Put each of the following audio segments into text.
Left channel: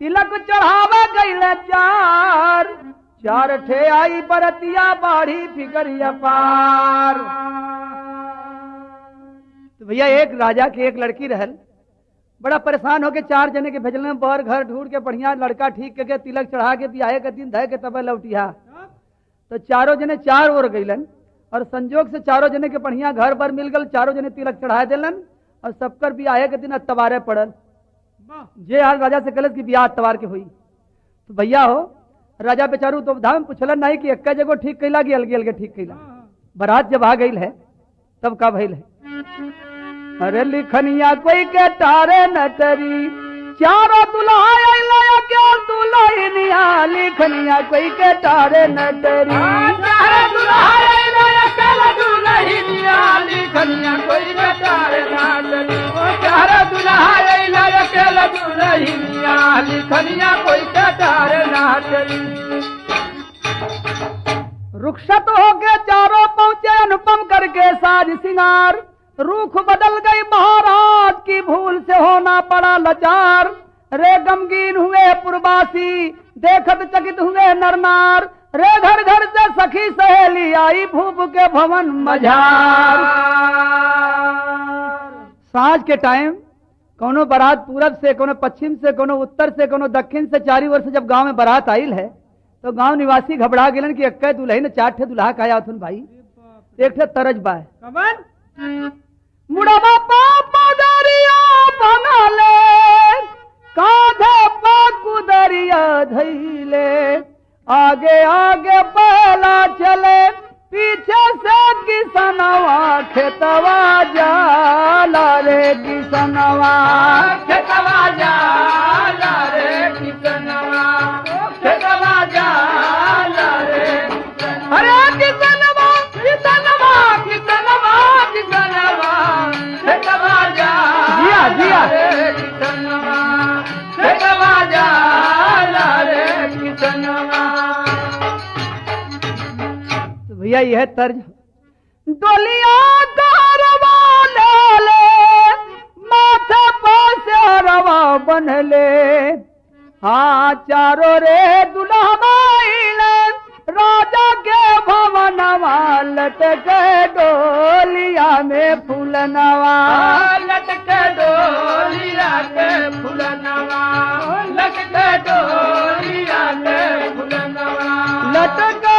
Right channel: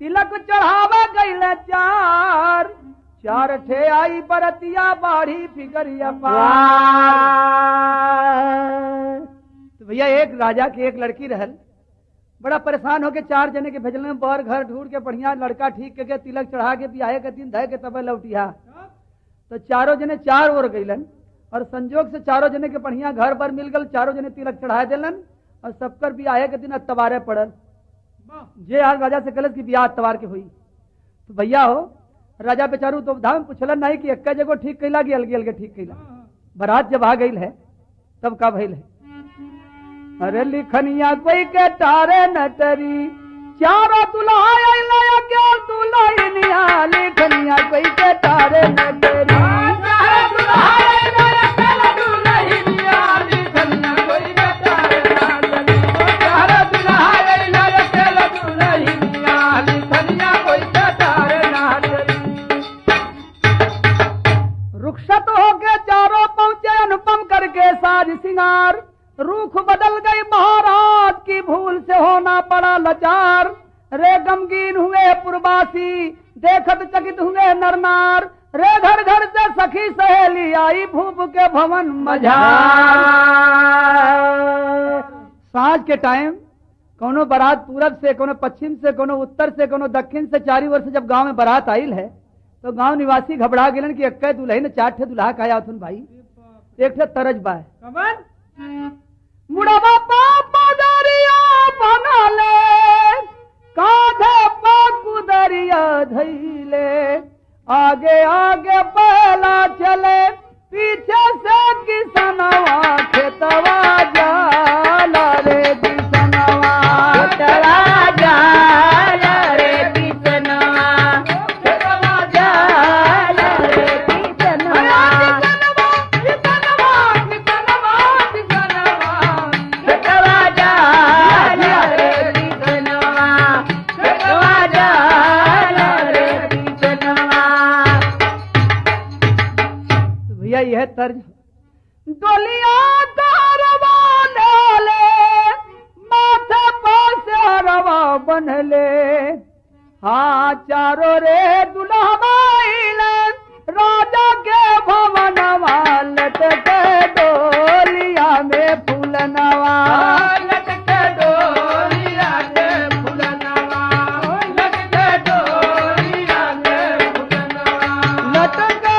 तिलक चढ़ावा गईले चार चार ठे आई बरतिया बाढ़ी फिकरिया पार। तो भैया एक राजा की एक लड़की रहल, बड़ा परेशान होके चार जने के भेजल में बर घर ढूंढ के बढ़िया लड़का ठीक करके तिलक चढ़ा के बियाहे के दिन धय के तब लौटिया। तो चारों जने चार ओर गईलन और संजोग से चारों जने के बढ़िया घर पर मिल गल, चारों जने तिलक चढ़ा दिलन और सबकर बियाहे के दिन अतवारे पड़ल। जे आज राजा से कलस की बियाह अतवार के हुई। तो भैया हो राजा बेचारू तो धाम पूछलन नहीं कि एक जगह ठीक कैला कि अलगे अलगे ठीक कैला। बारात जब आ गई है तब का भइल है, अरे लिखनिया कोई के तारे न तरी चारों दुल्हा के दुल्हनिया लिखनिया कोई के तारे न तरी रुखसत होके चारों पहुंचे अनुपम करके साज सिंगार। रूख बदल गई महाराज की भूल से होना पड़ा लाचार। रे गमगीन हुए पुरवासी देखत चकित हुए नरनार। रे घर घर से सखी सहेली आई भूप के भवन मझार। सांझ के टाइम कोनो बारात पूरब से, कोनो पश्चिम से, कोनो उत्तर से, कोनो दक्षिण से, चारी ओर से जब गांव में बारात आइल है तो गांव निवासी घबरा गेलन कि इक्के दुल्हन चार ठे दुल्हा काया थुन भाई। एक ठे तरज बा मुड़वा पापा दरिया बना ले कांधे पा कुदरिया धैले आगे आगे पहला चले पीछे से किसनवा खेतवा जाला रे किसनवा खेतवा जाला रे किसनवा खेतवा जाला रे किसनवा किसनवा किसनवा किसनवा किसनवा खेतवा जाला रे किसनवा खेतवा जाला रे किसनवा। भैया यह तर्ज डोलिया कारवा ले माथे पासे रवा बनले। हाँ चारों रे दुल्हन राजा के भवन लट के डोलिया में फूलनवा लट के डोलिया में फूलनवा लट के डोलिया में फूलनवा लट के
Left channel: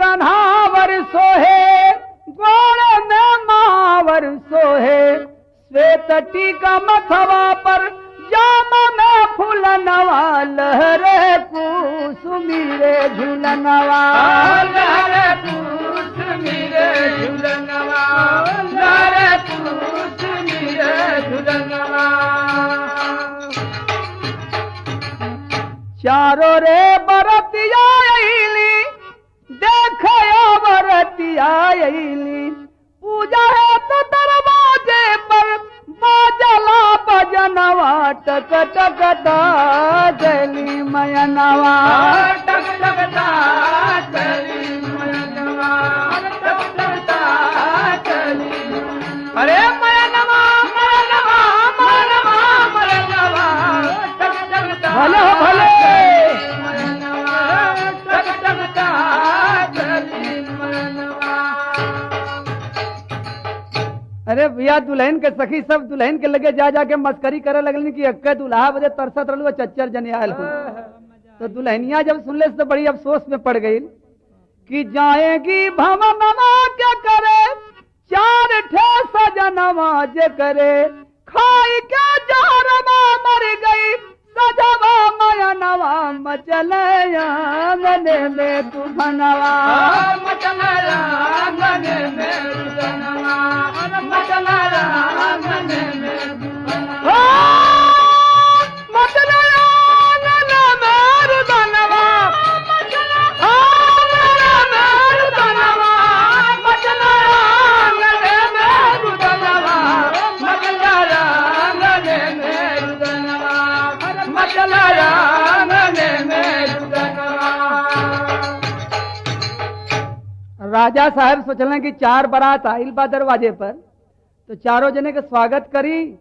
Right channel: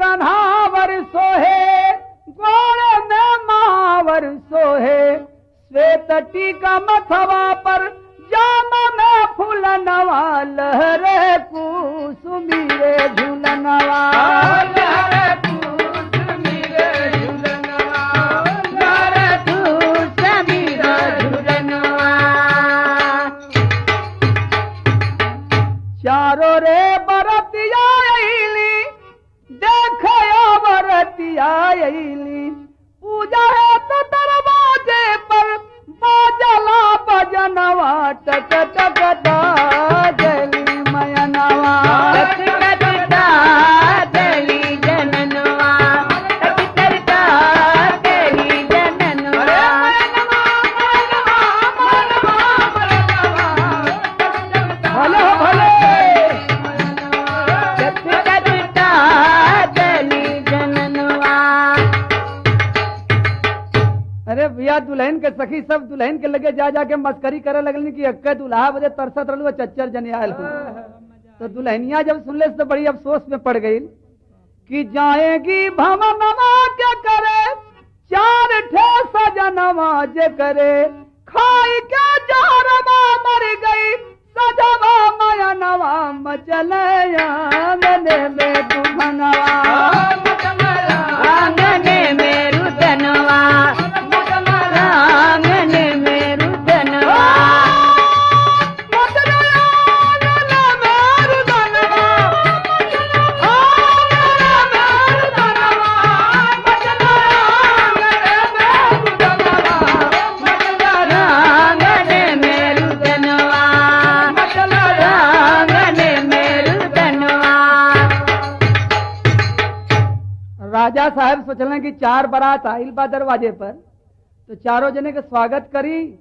कन्हावर सोहे गोड़ में महावर सोहे श्वेत टीका मथवा पर जामा में फूलनवा लहरे कुसुमीरे झूलनवा लहरे कुसुमीरे झूलनवा लहरे कुसुमीरे झूलनवा। चारों रे बरतिया देखो बरतिया पूजा है तो दरवाजे पर बाजला बजनवा टक टक जली मयनवा भलो भलो अरे भैया दुल्हन के सखी सब दुल्हन के लगे जा जाके मस्करी करे लगल कि अक्के दुल्हा बजे तरसत रहलू चच्चर जनियाल हो। तो दुल्हनिया जब सुनले तो बड़ी अफसोस में पड़ गई कि जाएगी भवनमा क्या करे चार ठे नवाज करे खाई के जहरवा मर गई सजवा माया नवा मचले आंगने में दुखनवा आंगने में रुदनवा आंगने में रुदनवा राजा साहब सोचलें कि 4 बारात आइल बा दरवाजे पर, तो चारों जने के स्वागत करी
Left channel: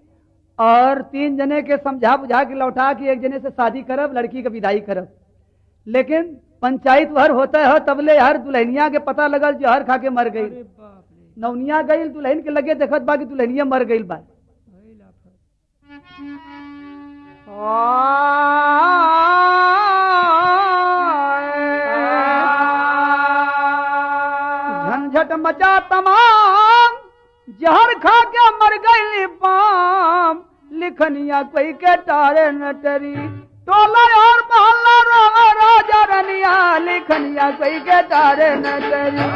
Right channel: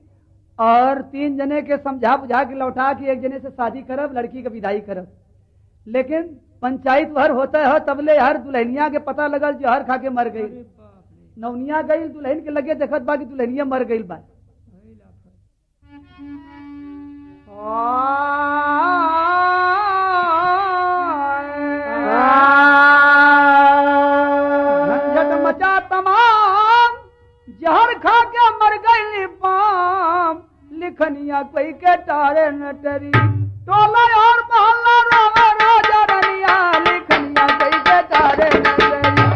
और 3 जने के समझा बुझा के लौटा कि एक जने से शादी करब, लड़की के विदाई करब। लेकिन पंचायत भर होता है तबले हर दुल्हनिया के पता लगल जहर खा के मर गई। नौनिया गई दुल्हन के लगे देखत बा कि दुल्हनिया मर गई बा। झंझट मचा तमाम जहर खा के मर गई पाम लिखनिया कोई के टारे न टरी टोला और मोहल्ला रोवे राजा रनिया लिखनिया कोई के टारे न टरी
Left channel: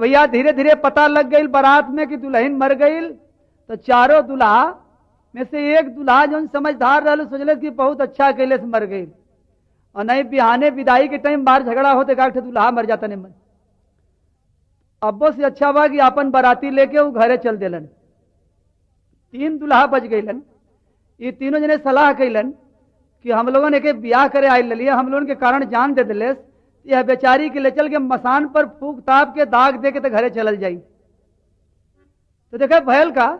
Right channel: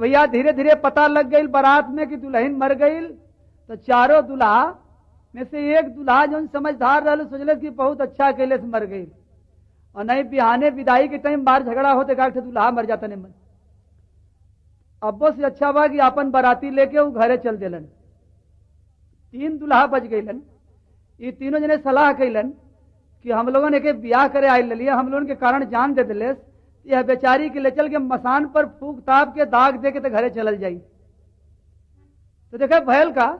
भैया धीरे धीरे पता लग गई बारात में कि दुल्हन मर गई। तो चारों दुल्हा में से एक दुल्हा जो समझदार रहा सोचल कि बहुत अच्छा कैले से मर गई, और नहीं बिहाने विदाई के टाइम बाहर झगड़ा होते का दुल्हा मर जाता नहीं। अब्बो से अच्छा बा कि अपन बाराती लेके वो घरे चल देलन। 3 दुल्हा बच गईलन। ये तीनों जने सलाह कैलन कि हम लोगों ने के ब्याह करे आई लिया, हम लोगों के कारण जान दे दिले, यह बेचारी के ले चल के मसान पर फूक ताप के दाग दे के तो घरे चल जाई। तो देखे भैल का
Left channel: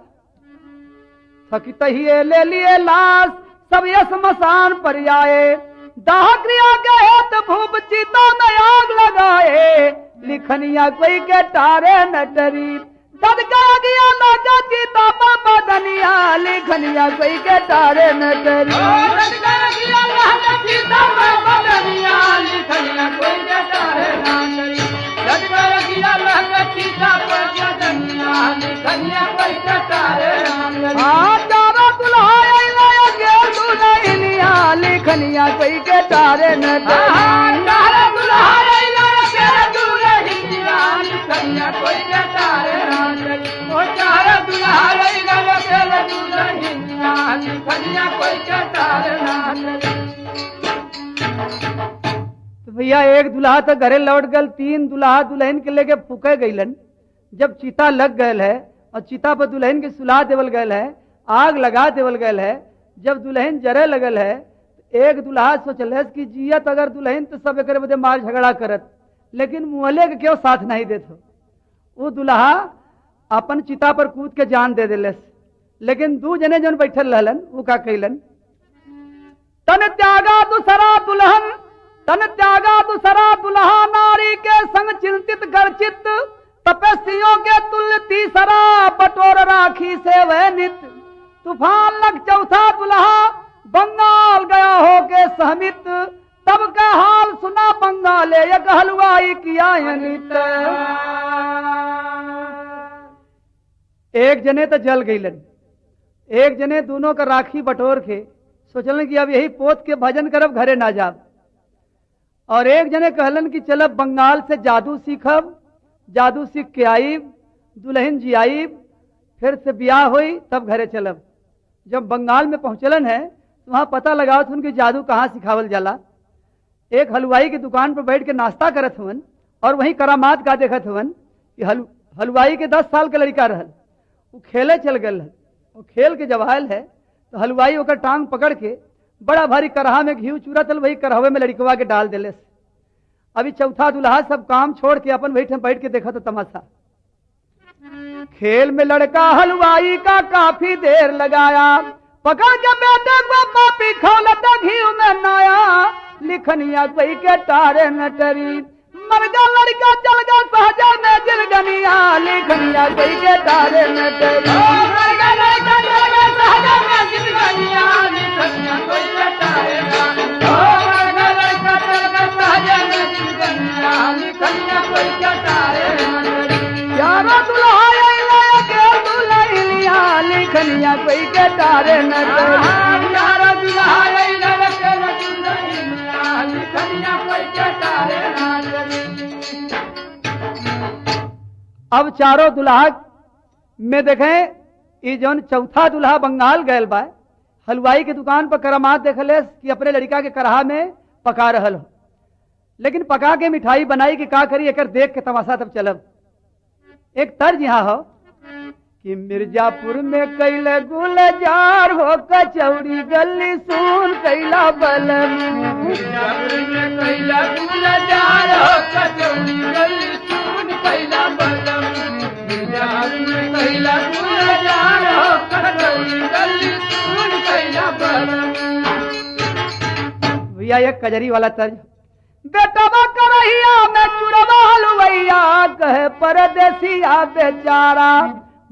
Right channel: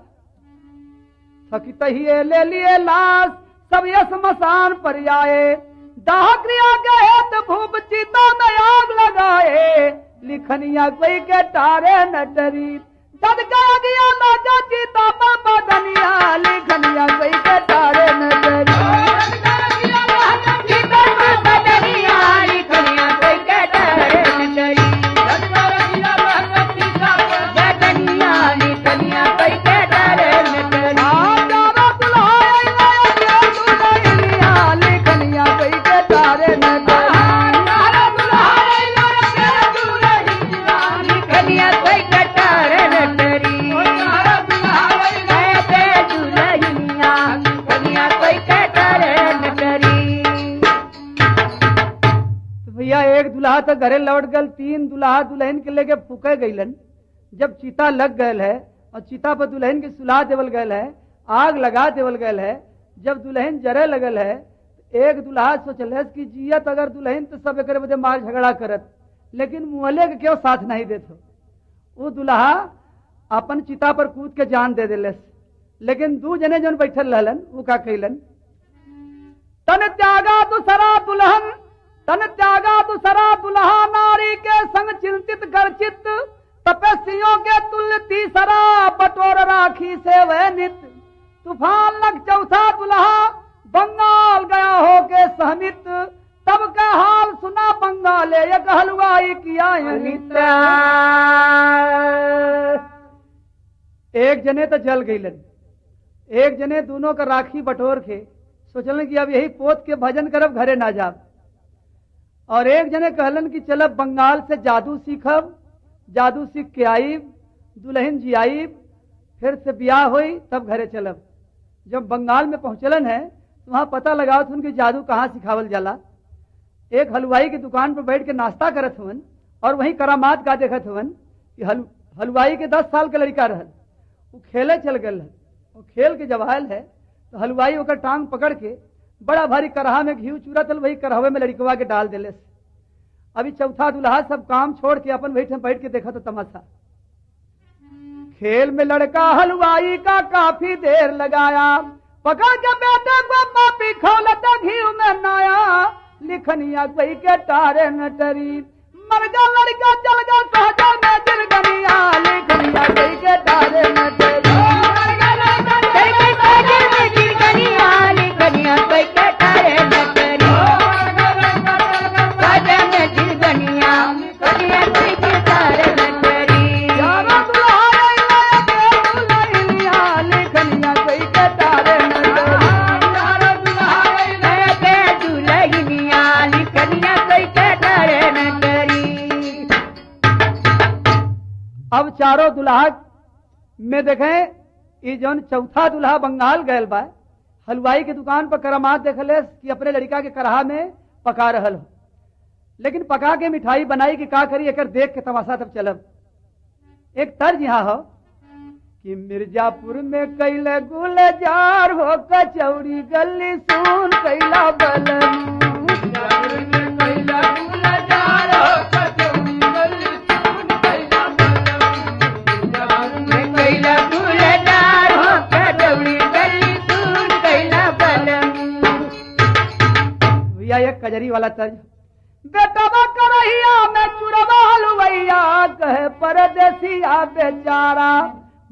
थकित ही ले लिए लाश सब ये मसान पर आए, दाह क्रिया गए तो भूप चिता में आग लगाए लिखनिया कोई के टारे न डरी ददका गया लाजा चिता पर बदनिया लिखनिया कोई के टारे न डरी एक दुल्हा तो घरे लौट गल, 3 दुल्हा दुल्हन के लेके फूके गईलन। जब चिता लग गयल है और चिता पर दुल्हन के सुला देवल गयल है, आग लगा देवल गयल है, जब दुल्हन जरे लगल है एक दुल्हा सोचल कि जियत अगर दुल्हन तो सब एक बदे मार झगड़ा करत, लेकिन मुहले के क्यों साथ नहीं देते। वो दुल्हा अपन चिता पर कूद के जान दे दिले। लेकिन 2 जने जन बैठल रहलन वो का कैलन, तन त्यागा दूसरा दुल्हन तन त्यागा दूसरा दुल्हा नारी के संग चिंतित गर्चित तपस्वियों के तुल्य तीसरा बटोर राखी से वह नित तूफान लग चौथा दुल्हा बंगाल गया हो के सहमित तब का हाल सुना बंगाले एक हलवाई किया एक जने तो जल गईलन, एक जने दोनों का राखी बटोर के सोचलन कि अब यही पोत के भजन करब घरे ना जाब, और एक जने कहलन कि चलब बंगाल से जादू सीखब, जादू सीख के आईब दुल्हन जी आईब फिर से ब्याह हुई तब घरे चलब। जब बंगाल में पहुंचलन है तो वहां पता लगाओ थे उनकी जादू कहाँ सिखावल जाला। एक हलवाई की दुकान पर बैठ के नाश्ता करत हुवन और वहीं करामात का देखत हुवन कि हलवाई के 10 साल के लड़का रहल, वो खेले चल गल और खेल के जब आयल है तो हलवाई ओकर टांग पकड़ के बड़ा भारी करहा में घी चूरा चल वही करहवे में लड़कवा के डाल दिले। अभी चौथा दुल्हा सब काम छोड़ के अपन बैठ के देखा तो तमाशा। खेल में लड़का हलवाई का काफी देर लगाया, पकड़ के बेटे को पापी खौलता घी में नया लिखनिया कोई के तारे नटरी मर जा लड़का चल गया सहजा में जिरगनिया लिखनिया कोई के तारे नटरी अब चारों दुल्हा में देखें ये जौन चौथा दुल्हा बंगाल गयल बा हलवाई की दुकान पर करामात देखले कि अपने लड़का के करहा में पका रहल हो लेकिन पका के मिठाई बनाई कि का करी एकर देख के तमाशा तब चलब एक तर्ज यहाँ हो कि मिर्जापुर में कैले गुलजार हो कचौड़ी गली सुन कैला बलन एक कजरी वाला तर्ज बेटवा करहिया में चुरवा हलवैया कहे परदेसिया बेचारा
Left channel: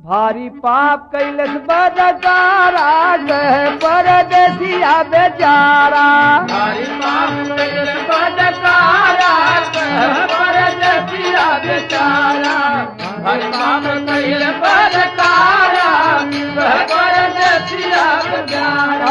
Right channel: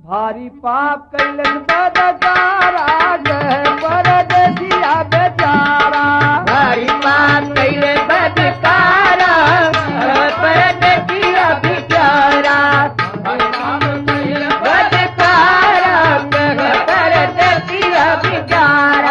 भारी पाप कैलस बदकारा कहे परदेसिया बेचारा भारी पाप कैलस बदकारा परदेसिया बेचारा भारी पाप कैलस बदकारा परदेसिया बेचारा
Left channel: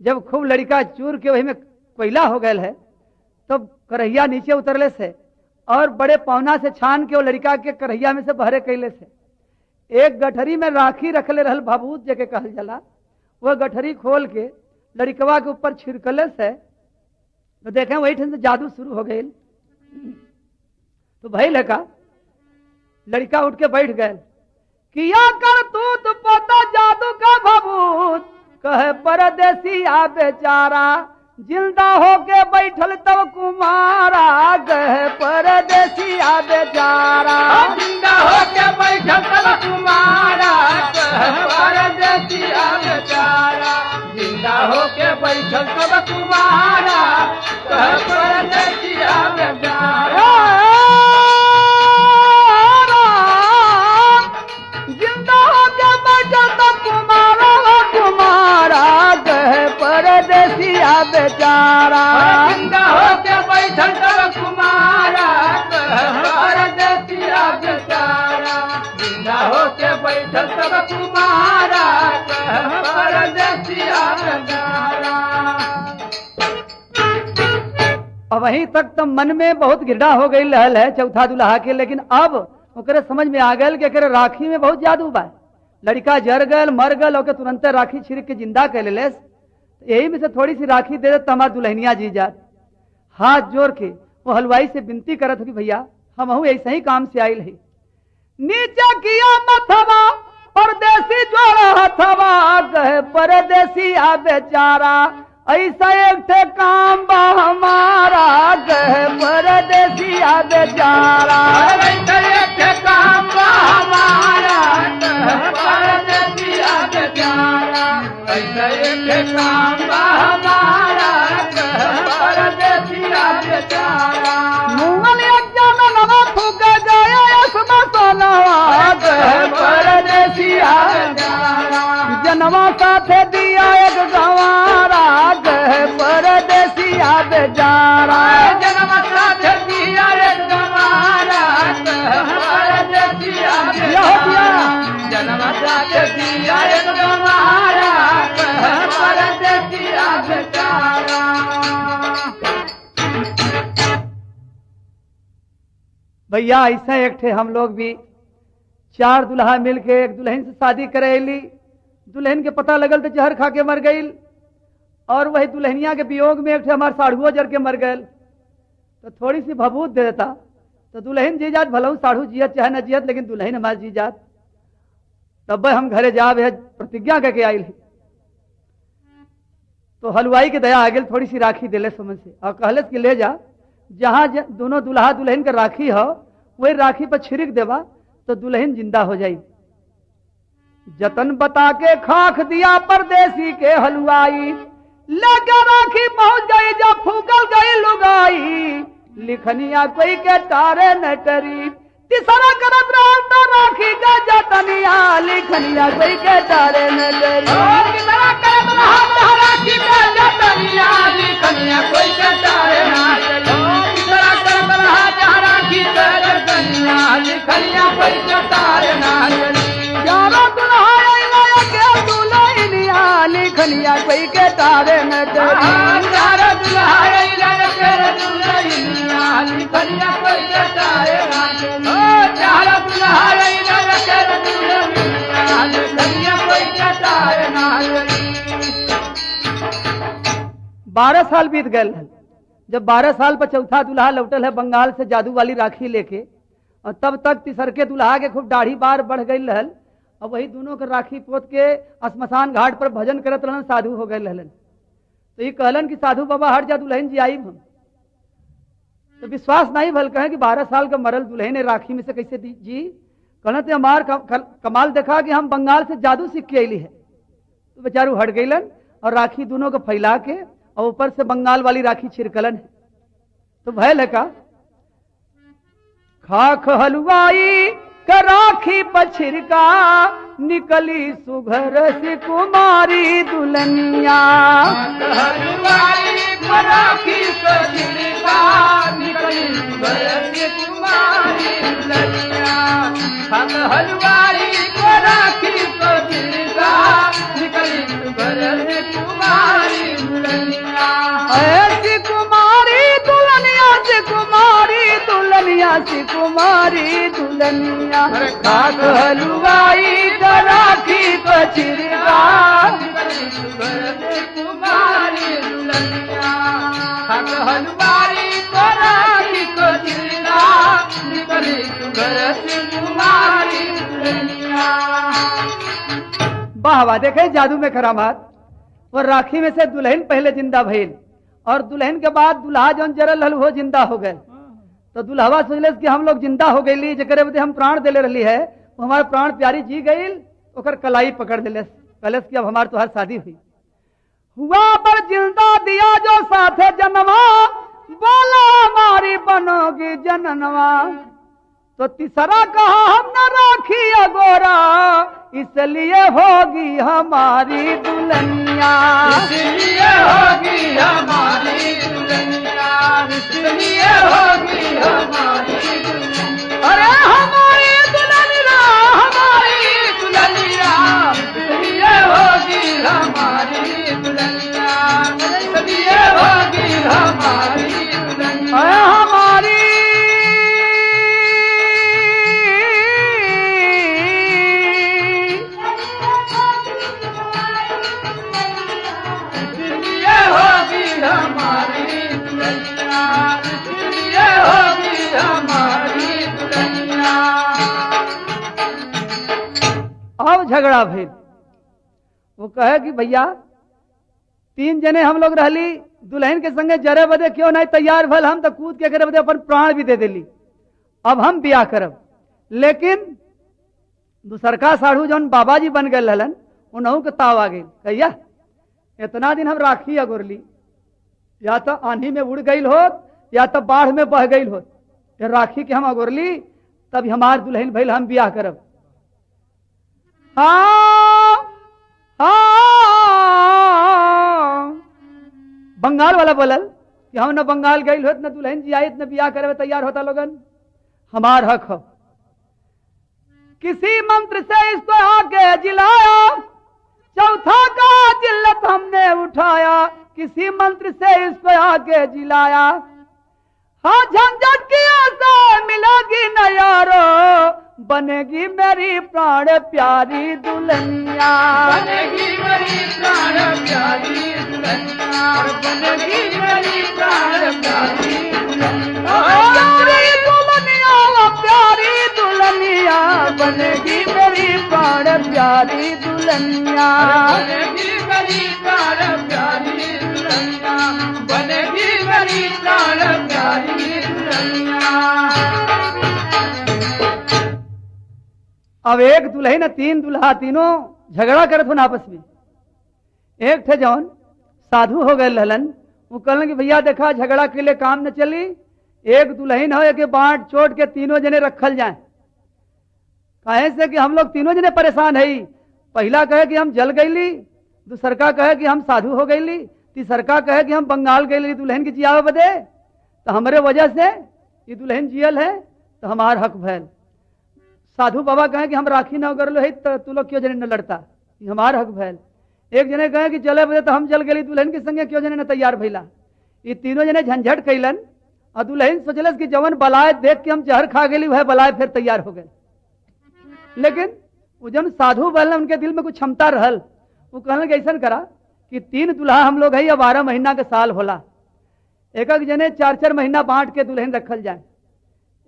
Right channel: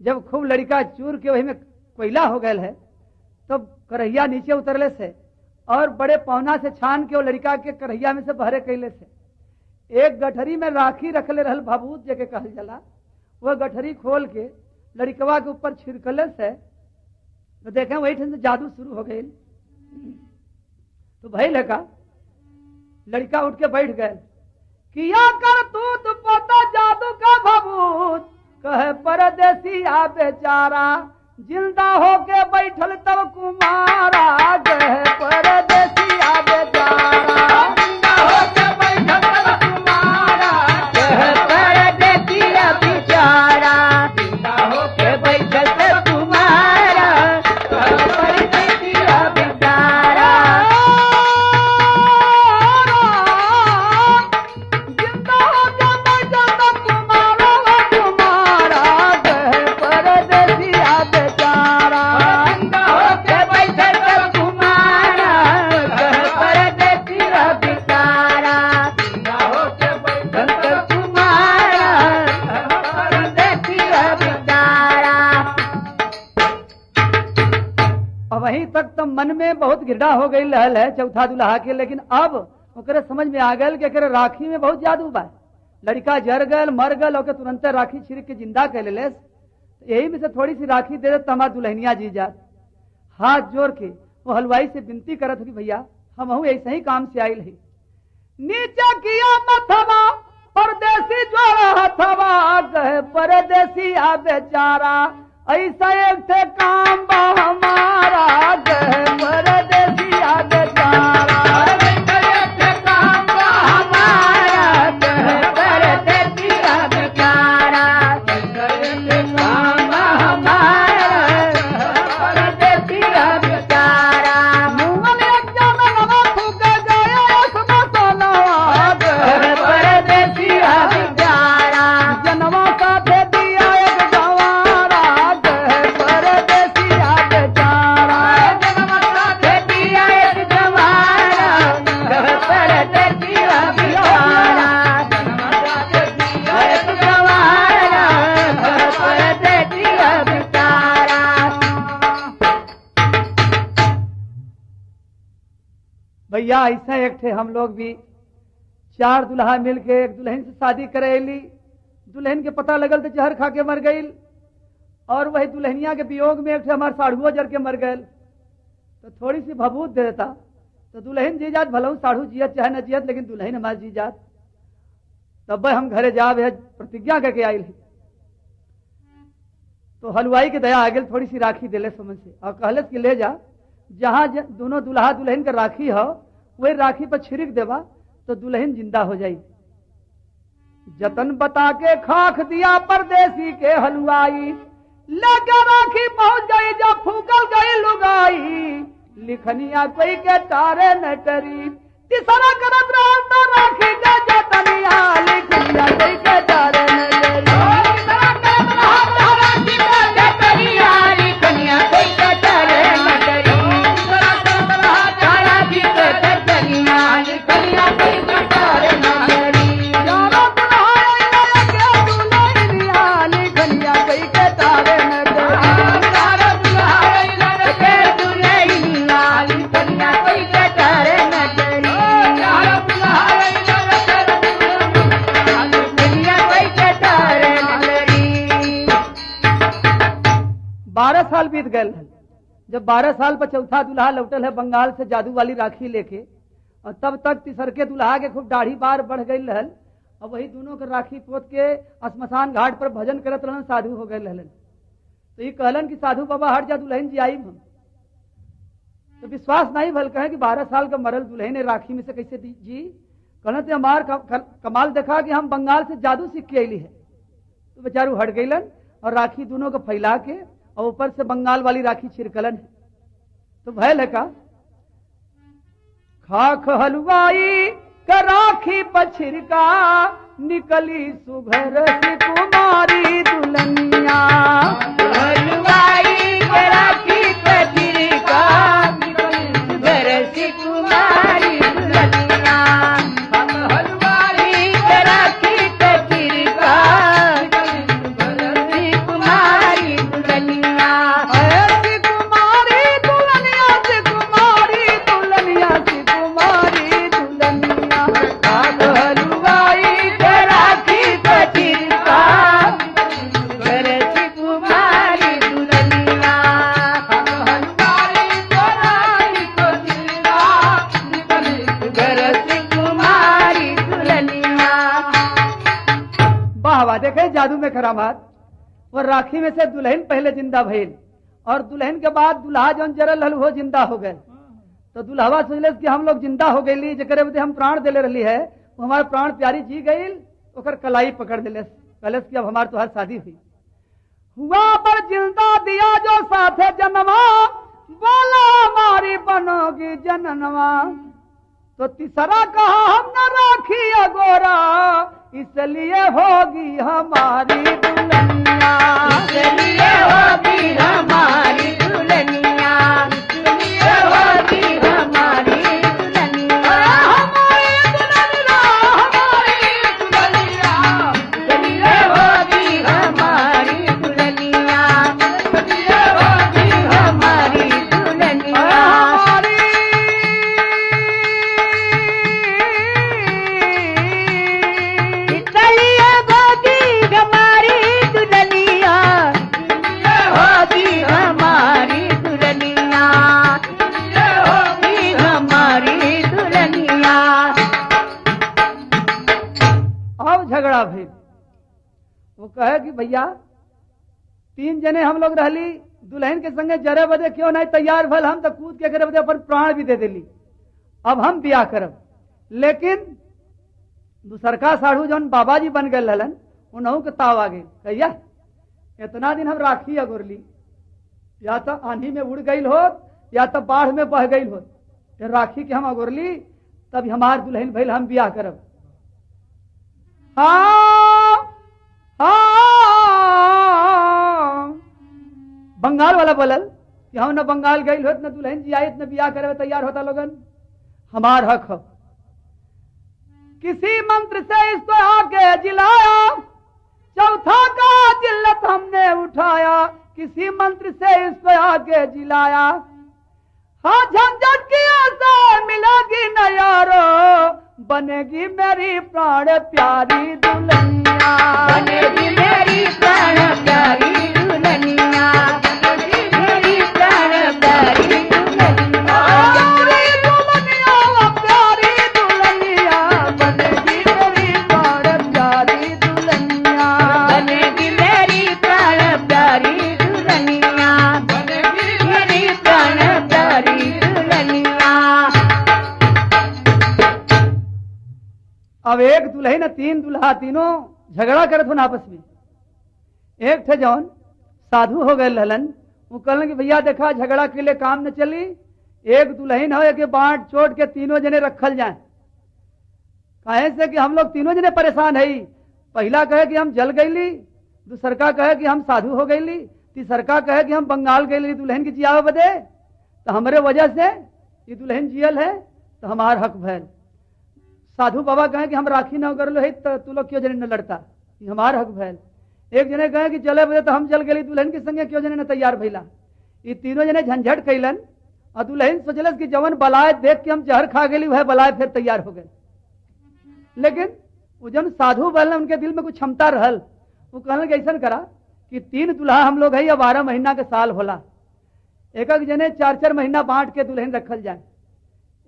जब खूब लड़का चूर के वही में कोयला हो गया है तो करहिया नीचे उतरले से और बड़े पौना से छान के वो लड़का के करहिया में से बहरे कैले से एक गठरी में राखी रखले रहल भाबूत जके कहल जला वह गठरी खोल के लड़कवा के ऊपर छिड़कले से तो देखें वही ठन से जादू शुरू हो गई तो भई लगा लड़का उठ के बैठ गए किया कर तू पता जादू का भाबूत कहे परदेसिया बेचारा जिंदा होके बैठल तब कुमारा कहे परदेसिया बेचारा जिंदा होके बैठल तब कुमारा कहे परदेसिया बेचारा जिंदा होके बैठल तब कुमारा कहे परदेसिया बेचारा जिंदा होके बैठल तब कुमारा बेचारा जिंदा होके बैठल तब कुमारा परदेसिया बेचारा जिंदा होके बैठल तब कुमारा परदेसिया बेचारा। अब वहीं तक तो मन में बहुत गिरडा हो गई लहल है चौथा दुल्हा के लेकिन अब ओकरे समझ में आ गल कि राखी में बहुत जादू बा लड़का जर गल मर गल और तुरंत राखी छिड़क के जिंदा कर ले यही में से थोड़ी सी राखी दे दे तो हमार दुल्हनिया जी जात हाथ जोड़ के वो हलवाई से विनती करत कि भैया हम ऐसे ही काम से आयल है नीचे किया मथवा परदेसी जोड़ा हथवा कहे परदेसी आ बेचारा ऐसा एक थे काम बा हमारा कहे परदेसी आ बेचारा भैया ऐसे एक थे हम लोग भी 4 दुल्हा मिल के एक दुल्हन से शादी करेली। दुल्हन के पता लगल तो जहर खा के मर गई, और वही दुल्हनिया के वियोग में एक थे हमारे साढ़ुओ जर के मर गए। तो थोड़ी सी भभूत दे देता तो दुल्हन जी जात भलऊ साढ़ू जियत चाहे न जियत, लेकिन दुल्हन हमारी जी जात। तब हम घरे जा प्रतिज्ञा करके आई। तो हलवाई के दया आ गई, थोड़ी सी राखी दिले समझ से और कहले कि ले जा, जहाँ दोनों दुल्हा दुल्हन का राखी हो वही राखी पर छिड़क देवा तो दुल्हन जिंदा हो जाई। जतन बता के खाक दिया परदेसी के हलवाई, लगा राखी पहुंच गई जब फूकल गई लुगाई। लिखनिया कोई के तारे नटरी, तीसरा करत रहता राखी के जतनिया। लिखनिया कोई के तारे नटरी, तीसरा करत रहता राखी के जतनिया। लिखनिया कोई के तारे नटरी, तीसरा करत रहता राखी के जतनिया। लिखनिया कोई के तारे नटरी, जानो दुल्हा के दुल्हनिया। लिखनिया कोई के तारे नटरी, जानो दुल्हा के दुल्हनिया। लिखनिया कोई के तारे नटरी, 12 साल बीत गए। जब 12 साल पर चौथा दुल्हा लौटल है बंगाल से जादू वाली राखी लेके, और तब तक तीसर के दुल्हा के खूब दाढ़ी बार बढ़ गई रहल। और वही दोनों के राखी पोत के श्मशान घाट पर भजन करत रहन, साधु हो गए रहलन। तो ये कहलन कि साधु बाबा हट जा, दुल्हन जी आई हम। तो विश्वास नहीं भल कहे कि 12 साल का मरल दुल्हन ने राखी में से कैसे दी जी। कहना तो हमार कमाल देखा कि हम बंगाल से जादू सीख के अली है। तो बेचारू हट गईलन और राखी दोनों को फैला के और ऊपर से बंगाल वाली राखी छिड़कलन है। तो भयल है का खाक हलवाई का राखी पर छिड़का, निकली सुघर सी कुमारी दुल्हनिया। हलवाई का राखी पर छिड़का, निकली सुघर सी कुमारी दुल्हनिया। हम हलवाई का राखी पर छिड़का, निकली सुघर सी कुमारी दुल्हनिया। ऐसी कुमारी दुल्हनिया से कुमारी दुल्हनिया से कुमारी दुल्हनिया। खाक हलवाई का राखी पर छिड़का, निकली सुघर सी कुमारी दुल्हनिया। हम हलवाई का राखी पर छिड़का, निकली सुघर सी कुमारी दुल्हनिया। वाह वाह, देखे जादू में करामात। और राखी में से दुल्हन पहले जिंदा भइल, और दुल्हन के बाद दुल्हा जौन जरल हल वो जिंदा हो गए। तो दुल्हवा सोचले कि हम लोग जिंदा हो गई, जकरे बदे हम प्राण देले रही है, वो हमारे प्राण प्यारी जी गई। ओकर कलाई पकड़ दिले, कहले कि अब हमार तो हर शादी हुई। हुआ पर जिंदा दिया जो साथे जन्मा, बोला हमारी बनोगी जननवा। तो तीसरा कहा हम न राखी अगोरा, इसलिए होगी हमारी दुल्हनिया। इसलिए होगी हमारी दुल्हनिया, इसलिए होगी हमारी दुल्हनिया। अरे हमारी दुल्हनिया, हमारी दुल्हनिया, इसलिए होगी हमारी दुल्हनिया। इसलिए होगी हमारी दुल्हनिया। हमारी झगड़ा भइल। वो कहे कि भैया 3 जने हम लोग रहली, दुल्हन के संगे जरे बदे क्यों नहीं तैयार भल, हम तो कूद के करे बदे अपन प्राण भी दे देली। अब हम ब्याह करब। लेकिन दूसरका साढ़ू जौन बाबा जी बन गए रहलन, उन्हों के ताव आ गई। कहिया इतना दिन हम राखी अगोरली, या तो आंधी में उड़ गई होत या तो बाढ़ में बह गई होत, राखी के हम अगोरली, तब हमार दुल्हन भइल, हम ब्याह करब। हाँ बंगाल वाला बोलल कि हम न बंगाल गई होत, न दुल्हन जी आई, न ब्याह करे तैयार होता लोगन। हमार हक हो, किसी मंत्र से इसको आगे जिलाया, चौथा का जिल्लत हमने उठाया। किसी मंत्र से इसको आगे जिलाया, हाँ झंझट की आशा मिलेगी बनेगी मेरी प्राण प्यारी दुल्हनिया। बनेगी मेरी प्राण प्यारी दुल्हनिया, बनेगी मेरी प्राण प्यारी दुल्हनिया। प्यारी दुल्हनिया, प्यारी दुल्हनिया, बनेगी मेरी प्राण प्यारी दुल्हनिया। बनेगी मेरी प्राण प्यारी दुल्हनिया, बनेगी मेरी प्राण प्यारी दुल्हनिया। अब एक दुल्हन तीन दुल्हा तीनों झगड़ा करत हो आपस में। एक थे जौन साधु हो गए लहलन, वो कहलन कि भैया देखा झगड़ा के लिए काम न चली, एक दुल्हन हो के बांट चोट के तीनों जने रखल जाए। काहे से कि हम लोग तीनों जने परेशान है। पहला कहे कि हम जल गईली, दूसरका कहे कि हम साधु हो गईली, तीसरका कहे कि हम बंगाल गईली दुल्हन की जियावे बदे, तो हमारे वजह से ये दुल्हन जियल है तो हमार हक भैल। साधु बाबा कहे कि हम राखी न कर लो है तो तू लोग क्यों जने न लड़ता, ये हमार हक भैल। एक जने कहे कि चले बजे तो हम चल गए दुल्हन के संगे क्यों जने न तैयार भैला। ये तीनों जने झंझट कैलन और दुल्हन सोचलस कि जवन बलाय देख के हम जहर खा गई वह बलाय फिर तैयार हो गए। लेकिन वो जन साधु बल उनके दिल में कुछ क्षमता रहल, वो कहलन कि ऐसा करा कि तीन दुल्हा हम लोग है या 12 महीना के साल होला, एक एक जने 4-4 महीना बांट के दुल्हन रखल जाए।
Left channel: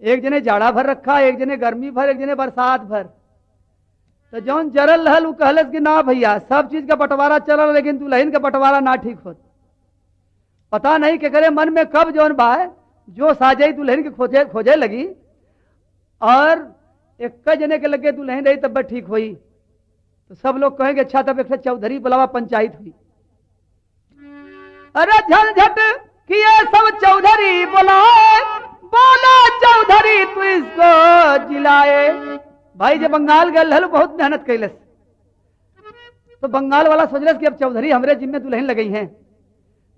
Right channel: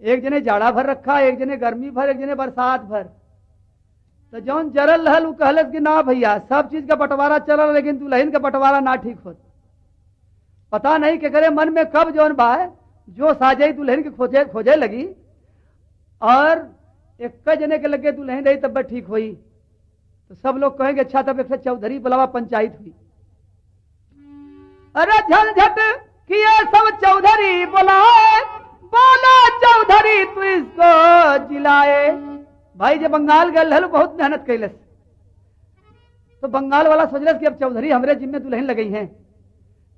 एक जने जाड़ा भर रखा, एक जने गर्मी भर, एक जने बरसात भर। तो जौन जरल रहल वो कहलस कि ना भैया सब चीज का बंटवारा चलल लेकिन दुल्हन का बंटवारा ना ठीक होत। पता नहीं के करे मन में कब जौन बा जो साजे दुल्हन के खोजे खोजे लगी और एक जने के लगे दुल्हन रही तब ठीक हुई। तो सब लोग कहेंगे अच्छा तब एक चौधरी बुलावा पंचायत हुई। अरे झंझट किए सब चौधरी बुलाए, बोला चौधरी तू इसको जिलाए। भाई जब बंगाल गल हल बहुत मेहनत कैलस, तो बंगाल वाला सोचलस कि अब चौधरी हमरे जिम्मे दुल्हन लगई हैं।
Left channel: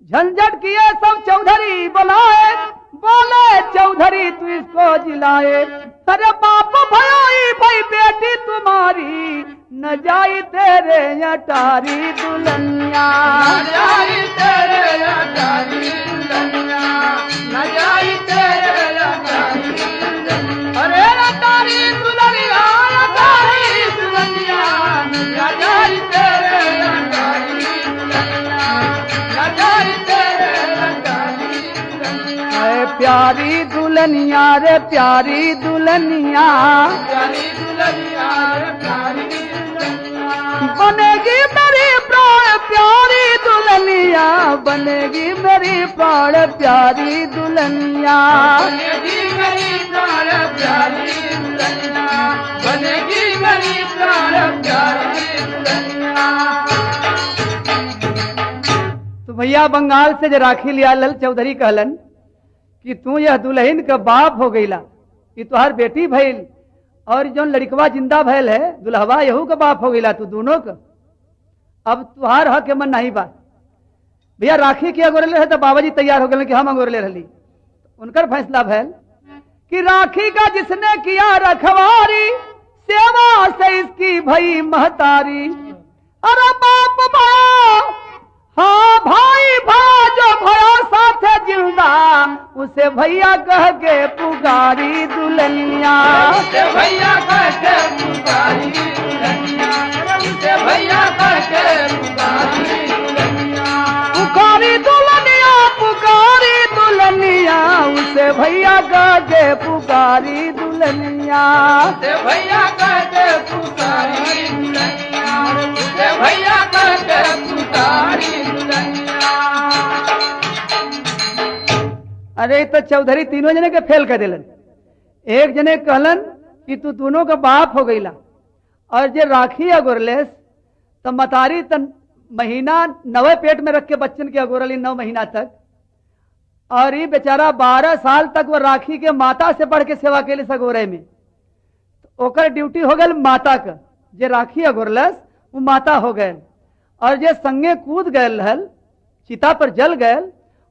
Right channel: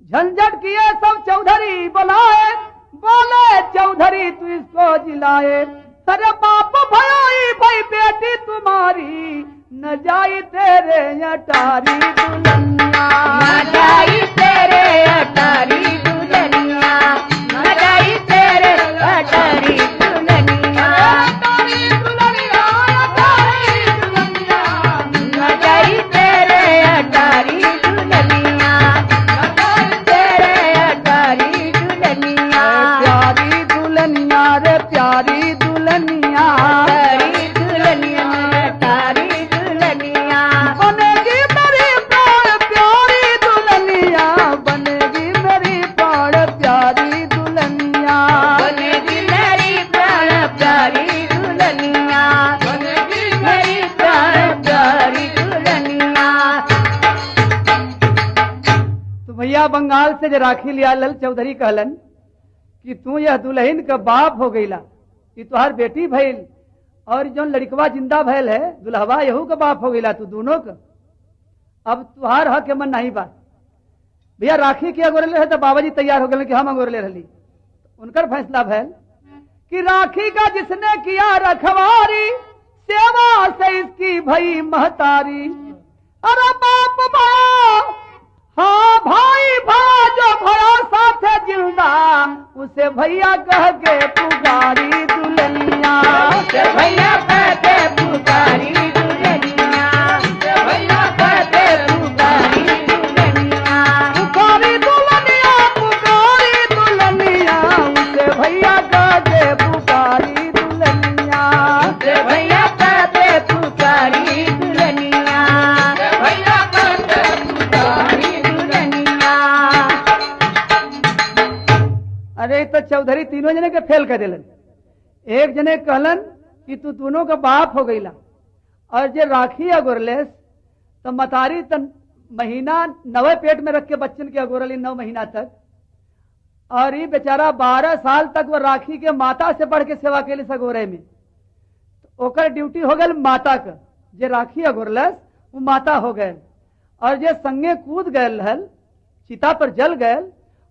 झंझट किए सब चौधरी बुलाए, बोले चौधरी तू इसको जिलाए। अरे बाप भाई भाई बेटी तुम्हारी न जाई तेरे अटारी दुल्हनिया, न जाई तेरे अटारी दुल्हनिया, न जाई तेरे अटारी दुल्हनिया। अटारी दुल्हनिया, अटारी दुल्हनिया, न जाई तेरे अटारी दुल्हनिया, न जाई तेरे अटारी दुल्हनिया। प्यारी दुल्हनिया रे प्यारी दुल्हनिया, प्यारी दुल्हनिया, अटारी दुल्हनिया। बनेगी मेरी प्राण प्यारी दुल्हनिया, बनेगी मेरी प्राण प्यारी दुल्हनिया। बनेगी मेरी प्राण प्यारी दुल्हनिया, बनेगी मेरी प्राण प्यारी दुल्हनिया। तो भैया बंगाल से जो राखी लिया लल चौधरी कहलन कि तू यह दुल्हन का बाप हो गईला, कि तुहार बेटी भइल और जो लड़कवा जिंदा भइल है दुल्हवा यहू का बाप हो गईला तू दोनों का। अब तुहार हक मन नहीं बा। भैया राखी के अगोरले है तो बाबाजी तैयार हो गए कि हम अगोरले रही। उनकर फैसला भैल कि राखी का जिसने किया रखवारी, सेवा से इसकी भई महतारी। अरे बाप भा हाँ भाई भा जो भया साथ जिंदा, उसे भैया कह के पुकारी दुल्हनिया, उसे भैया कह के पुकारी दुल्हनिया, उसे भैया कह के पुकारी दुल्हनिया। पुकारी दुल्हनिया, पुकारी दुल्हनिया, उसे भैया कह के पुकारी दुल्हनिया। उसे भैया कह के पुकारी दुल्हनिया, उसे भैया कह के पुकारी दुल्हनिया। अरे तो चौधरी तीनों जने के फेल कर दिलन। एक जने कहलन कि तू दोनों का बाप हो गईला, और जे राखी अगोरलेस तो मतारी तन महीना 9 पेट में रख के बच्चन के अगोरली 9 महीना तक, और ये बेचारा 12 साल तक वो राखी के माता से बढ़ के सेवा के लिए सगोरे में। तो ओकर ड्यूटी हो गल माता का, जे राखी अगोरलस वो माता हो गए, और जे संगे कूद गए हल चिता पर जल गए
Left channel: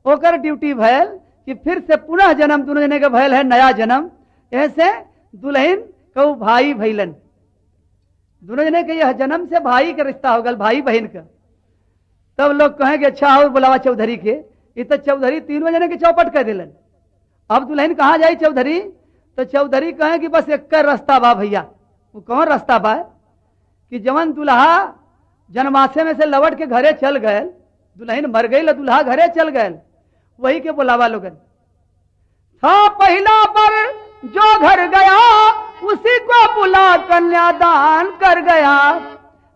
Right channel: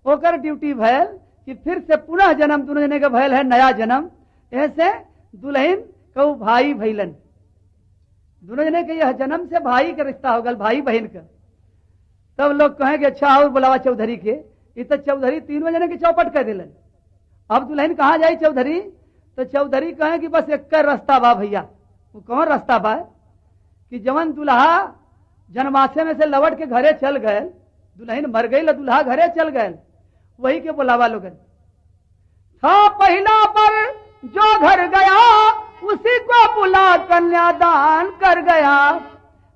ओकर ड्यूटी भैल कि फिर से पुनः जन्म दोनों जने का भैल है नया जन्म। ऐसे दुल्हन कऊ भाई भैलन, दोनों जने के यह जन्म से भाई का रिश्ता हो गल, भाई बहन का। तब लोग कहेंगे अच्छा और बुलावा चौधरी के। ये तो चौधरी तीनों जने के चौपट कर दिलन। अब दुल्हन कहाँ जाई चौधरी, तो चौधरी कहे कि बस एक रास्ता बा भैया। वो कौन रास्ता बा कि जवन दुल्हा जनमासे में से लौट के घरे चल गए, दुल्हन मर गई, दुल्हा घरे चल गए, वही के बुलावा लोगन। हाँ पहला पर जो घर गया उसी को बुला कन्यादान कर गया।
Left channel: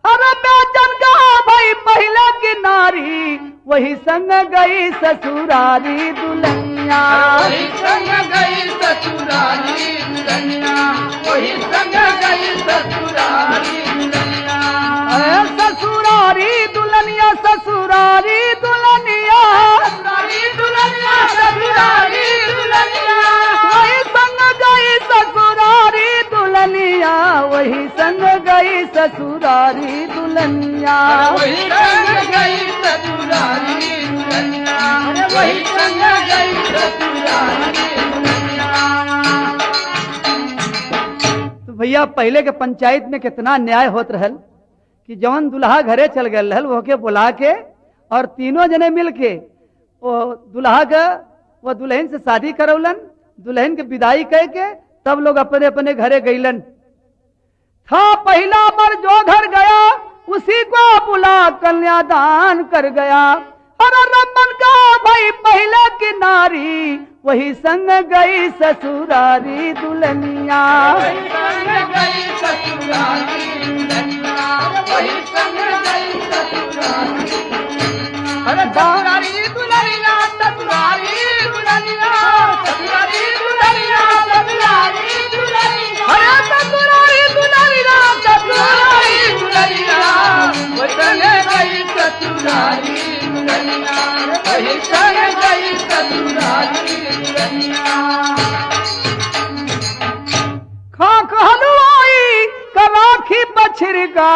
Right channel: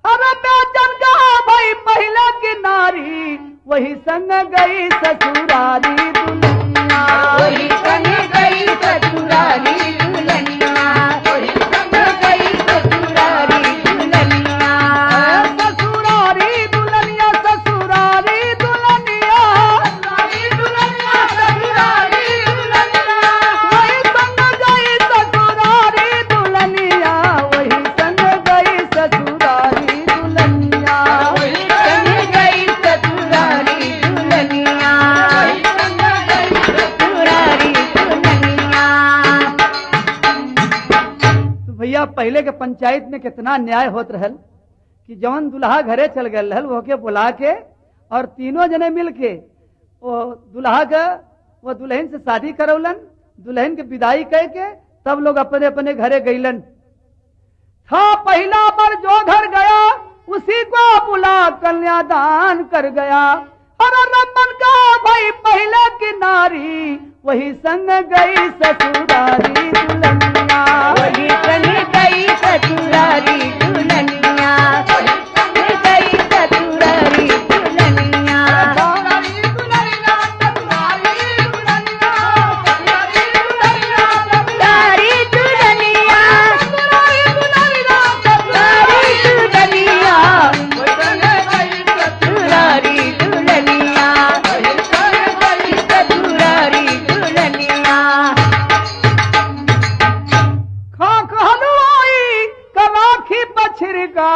अरे बेचन का भाई पहला की नारी वही संग गई ससुरारी दुल्हनिया, वही संग गई ससुरारी दुल्हनिया, वही संग गई ससुरारी दुल्हनिया। ससुरारी दुल्हनिया, ससुरारी दुल्हनिया, ससुरारी दुल्हनिया, ससुरारी दुल्हनिया। वही संग गई ससुरारी दुल्हनिया, वही संग गई ससुरारी दुल्हनिया, वही संग गई ससुरारी दुल्हनिया, वही संग गई ससुरारी दुल्हनिया। तो भैया पहले के पंचायत में कितना न्याय होत रहल कि जवन दुल्हा घरे चल गए रहल वो के बुला के और तीनों जने मिल के वो दुल्हा का वो दुल्हन से शादी करौलन, दुल्हन के विदाई कह के सब लोग अपने अपने घरे गईलन। था पहला पर जो घर गया उसी को बुला कन्यादान कर गया। अरे रमन का भाई पहले की नारी वही संग गई ससुरारी दुल्हनिया, वही संग गई ससुरारी दुल्हनिया, वही संग गई ससुरारी दुल्हनिया। ससुरारी दुल्हनिया, ससुरारी दुल्हनिया, ससुरारी दुल्हनिया, ससुरारी दुल्हनिया, ससुरारी दुल्हनिया, ससुरारी दुल्हनिया। वही संग गई ससुरारी दुल्हनिया, वही संग गई ससुरारी दुल्हनिया। खाक हलवाई कलाखी बछिरका,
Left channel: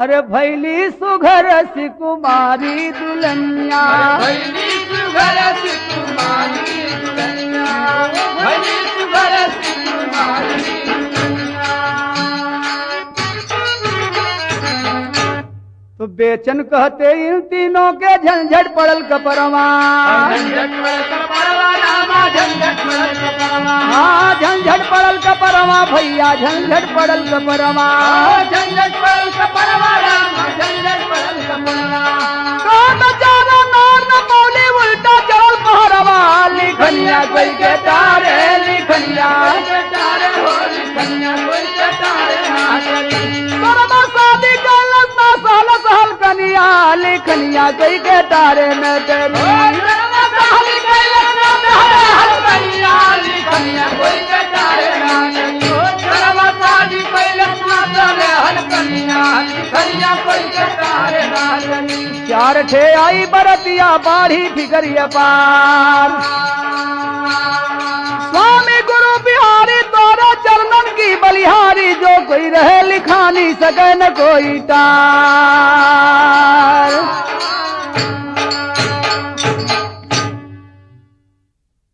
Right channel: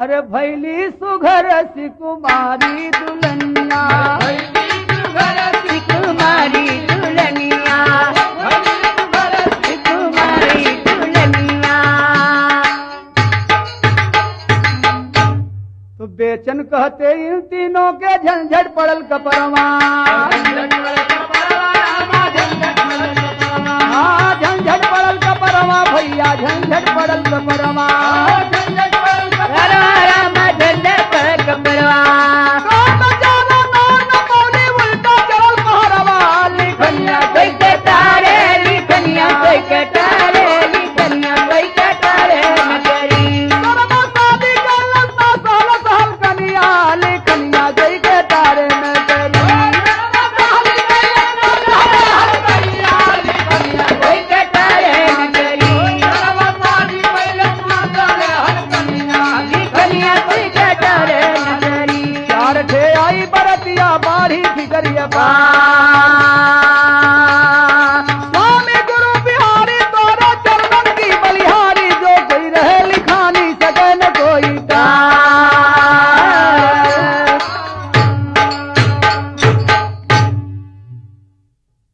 अरे भैली सुघर सी कुमारी दुल्हनिया, भैली सुघर सी कुमारी दुल्हनिया, भैली सुघर सी कुमारी दुल्हनिया। तो बेचन कहते इन तीनों के झंझट पड़ल कपरवा, झंझट पड़ल कपरवा रामा, झंझट पड़ल कपरवा। हाँ झंझट पड़ल कपरवा भैया, झंझट पड़ल कपरवा। झंझट पड़ल कपरवा रामा, झंझट पड़ल कपरवा। काम जाना नार न मौली उल्टा चल पहरवा, लिखनिया कोई कटारे, लिखनिया कोई कटारे, लिखनिया कोई कटारे मागरी। करवा शादी कर सहल सहल कनिया, लिखनिया गई के तारे न करी। चार ठे आई बरतिया बाढ़ी फिकरिया पार, स्वामी गुरु बिहारी तोरा चरणन की बलिहारी, जो कोई रहे लिखानी सके न कोई टार।